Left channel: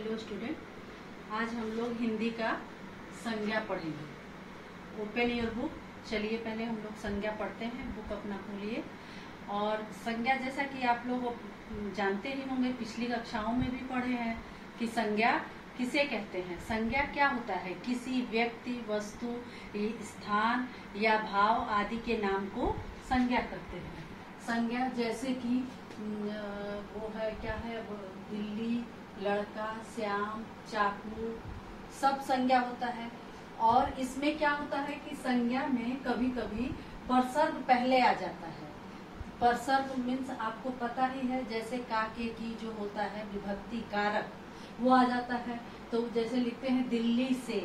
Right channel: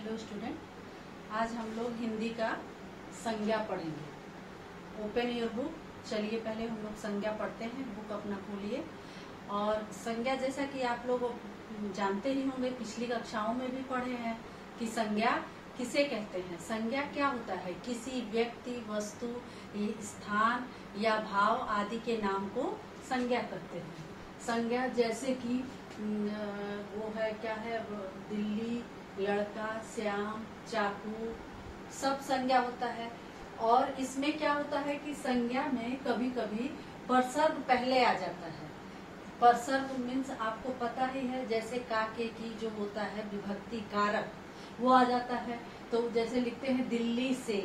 Hello student, आज हम लोग हिंदी का संज्ञा पढ़ेंगे। Open your book. चलिए पहले हम लोग संज्ञा पढ़ते हैं। बुक अपना खोलिए। और संज्ञा जैसा कि आप लोग जानते ही होंगे, पिछली कक्षाओं में भी पढ़े हैं कि संज्ञा किसे कहते हैं। संज्ञा क्या होता है? किसी व्यक्ति, वस्तु, स्थान या भाव आदि के नाम को संज्ञा कहते हैं। संज्ञा जैसे कि वो है, क्या है, दिल्ली, लड़का, श्याम, चाकू, सब संज्ञा होता है। और इसमें क्या होता है कि संज्ञा में कभी कभी परसर्ग पहले आ जाता है। परसर्ग मीन्स आपको पता ही है, जैसे का के की जो होता है विभक्ति कारक, वो आ जाता है। तो जैसे लिखते हैं दिल्ली से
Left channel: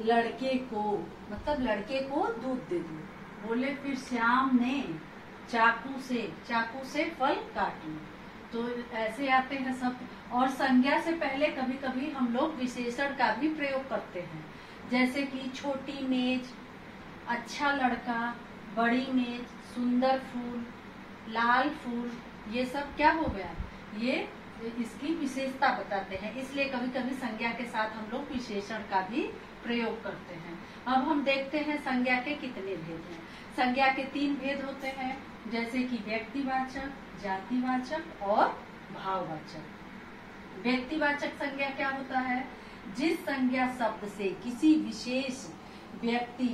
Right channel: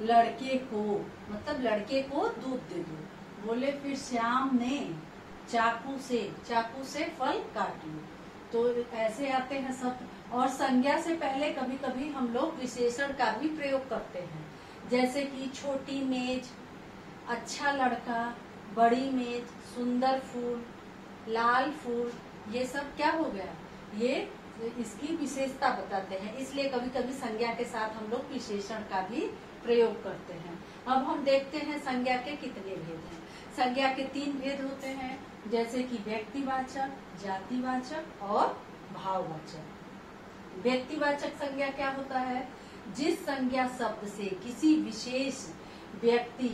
लड़के को, मतलब लड़के को दूध दे दो। बोले फिर श्याम ने चाकू से फल काटू। तो ऐसे आते हैं सब। और संज्ञा से पहले कभी कभी हम लोग विशेषण का भी प्रयोग करते हैं, जैसे कि छोटी मेज, अच्छा लड़का, बड़ी मेज, सुंदर फूल, लाल फूल। ये सब क्या हो गया, ये इसकी विशेषता बताते हैं। इसलिए कभी कभी संज्ञा के साथ हम लोग विशेषण का भी प्रयोग करते हैं। अब हम देखते हैं संज्ञा के कितने भेद हैं। संज्ञा के 3 भेद होते हैं, जैसे कि व्यक्तिवाचक, जातिवाचक और भाववाचक। व्यक्तिवाचक संज्ञा क्या होता है? जिस संज्ञा शब्द से किसी विशेष व्यक्ति,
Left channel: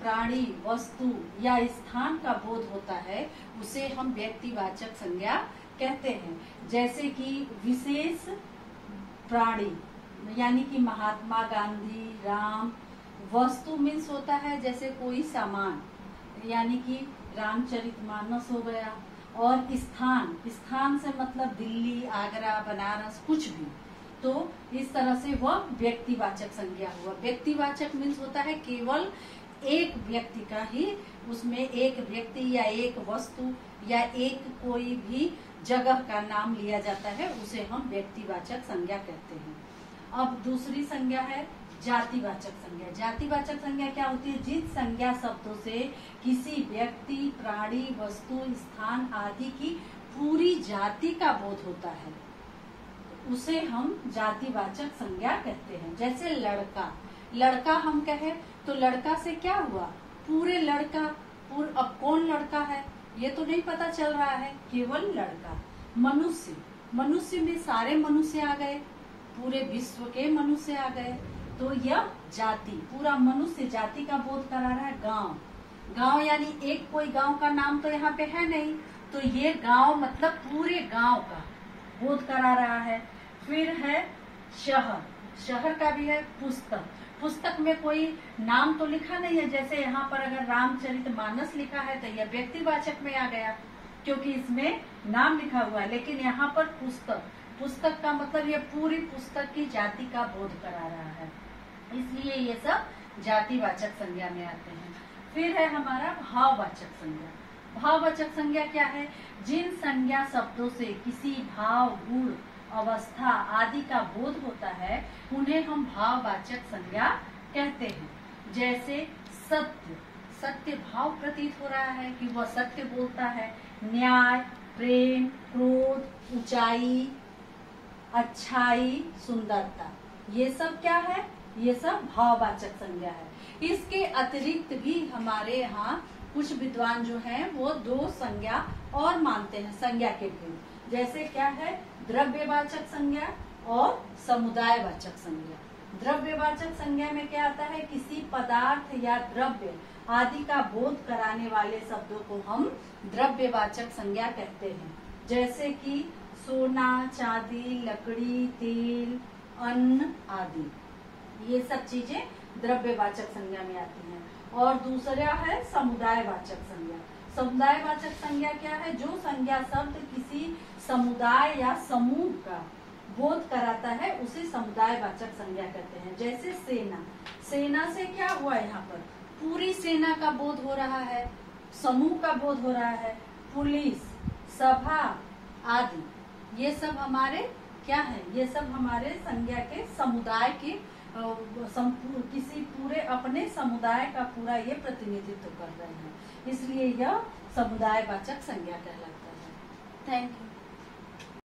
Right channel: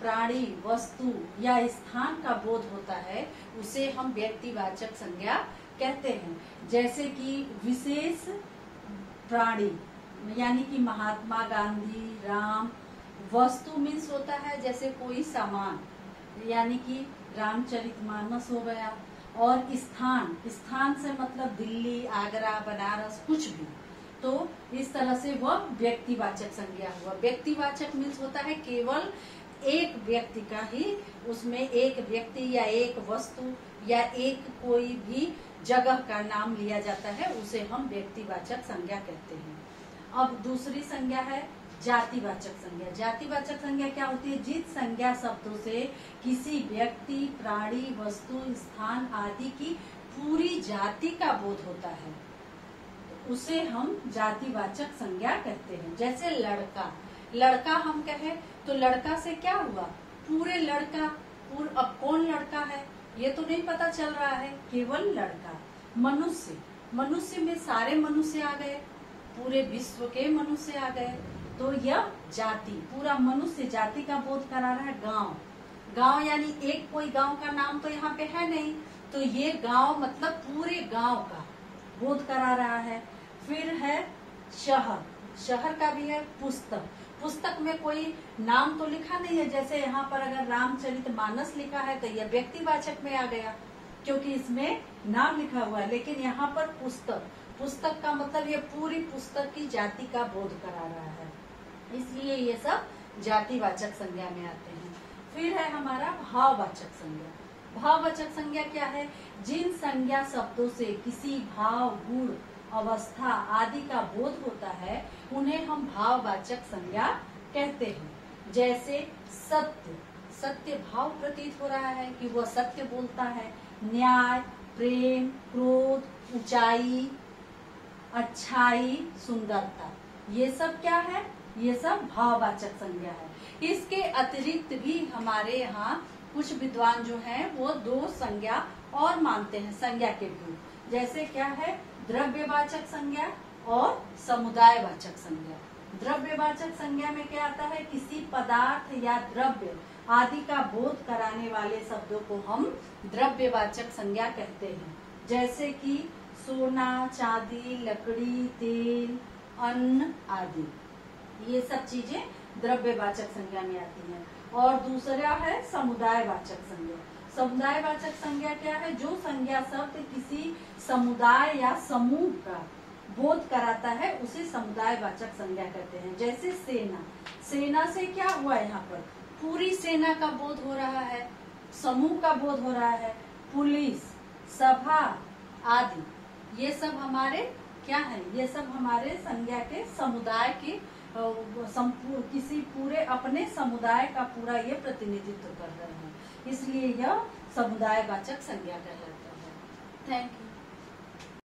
प्राणी, वस्तु या स्थान का बोध होता है, उसे हम व्यक्तिवाचक संज्ञा कहते हैं। जैसे कि विशेष प्राणी यानी कि महात्मा गांधी, राम। वस्तु मीन्स होता है जैसे कोई सामान, यानी कि रामचरितमानस हो गया। और स्थान से मतलब दिल्ली, आगरा, बनारस, कुछ भी। तो इस तरह से वह व्यक्तिवाचक संज्ञा हुआ। व्यक्तिवाचक मीन्स होता है केवल एक व्यक्ति का ही, उसमें एक व्यक्ति या एक वस्तु या एक कोई भी जगह का नाम लिया जाता है, उसे हम व्यक्तिवाचक संज्ञा कहते हैं। अब दूसरी संज्ञा है जातिवाचक संज्ञा। जातिवाचक संज्ञा क्या होती है? जिस संज्ञा शब्दों से किसी व्यक्ति, प्राणी, वस्तु, स्थान आदि की पूरी जाति का बोध होता है, उसे हम जातिवाचक संज्ञा कहते हैं। जैसे लड़का हम कहे तो लड़का से क्या हुआ? पूरे लड़का। अब कौन लड़का है ये तो नहीं पता चल रहा है, केवल लड़का। मनुष्य में सारे मनुष्य आ गए, पूरे विश्व के मनुष्य आ गए। तो यह जाति, पूरा मनुष्य जाति का बोध करा रहा है। गांव यानी एक कोई गांव का नाम तो यहाँ पे है नहीं, तो ये गांव मतलब पूरे गांव का बोध करा रहा है। फिर है शहर का भी है। पुस्तक में कोई नाम तो लिखा नहीं है, जैसे यहाँ पर अगर रामचरितमानस लिखा है तो यह व्यक्तिवाचक में आ गया, क्योंकि इसमें नाम लिखा हुआ है। लेकिन यहाँ पर पुस्तक का मतलब ये पूरी पुस्तक की जाति का बोध करा रहा है, इसलिए ये सब जातिवाचक संज्ञा में आते हैं। फिर है हमारा भाववाचक संज्ञा। भाववाचक संज्ञा क्या है? जिन संज्ञा शब्दों से किसी भाव, गुण, अवस्था आदि का बोध होता है, उन्हें हम भाववाचक संज्ञा कहते हैं। जैसे सत्य भाव प्रतीत हो रहा है कि वह सत्य बोलता है। न्याय, प्रेम, क्रोध, ऊंचाई, अच्छाई, सुंदरता, ये सब क्या है? ये सब भाववाचक संज्ञा है। इसके अतिरिक्त भी हमारे यहाँ कुछ विद्वान जो हैं वो 2 संज्ञा और मानते हैं संज्ञा के भेद। जैसे क्या है? द्रव्यवाचक संज्ञा और समुदायवाचक संज्ञा। द्रव्यवाचक संज्ञा में क्या आता है? किसी पदार्थ या द्रव्य आदि का बोध कराने वाले शब्दों को हम द्रव्यवाचक संज्ञा कहते हैं। जैसे कि सोना, चांदी, लकड़ी, तेल, अन्न आदि, ये सब चीजें द्रव्यवाचक संज्ञा में आती हैं। और दूसरा है समुदायवाचक संज्ञा। समुदायवाचक संज्ञा क्या है? जो संज्ञा शब्द किसी समुदाय या समूह का बोध कराता है, उसे समुदायवाचक संज्ञा कहते हैं। जैसे सेना से क्या हुआ? यहाँ पर पूरी सेना का बोध हो रहा है, समूह का बोध हो रहा है। पुलिस, सभा आदि, ये सब हमारे क्या है? ये सब हमारे संज्ञा के समुदाय के किसी पूरे अपने समुदाय का पूरा ये प्रतिनिधित्व कर रहे हैं, इसलिए यह समुदायवाचक संज्ञा कहलाता है। Thank you.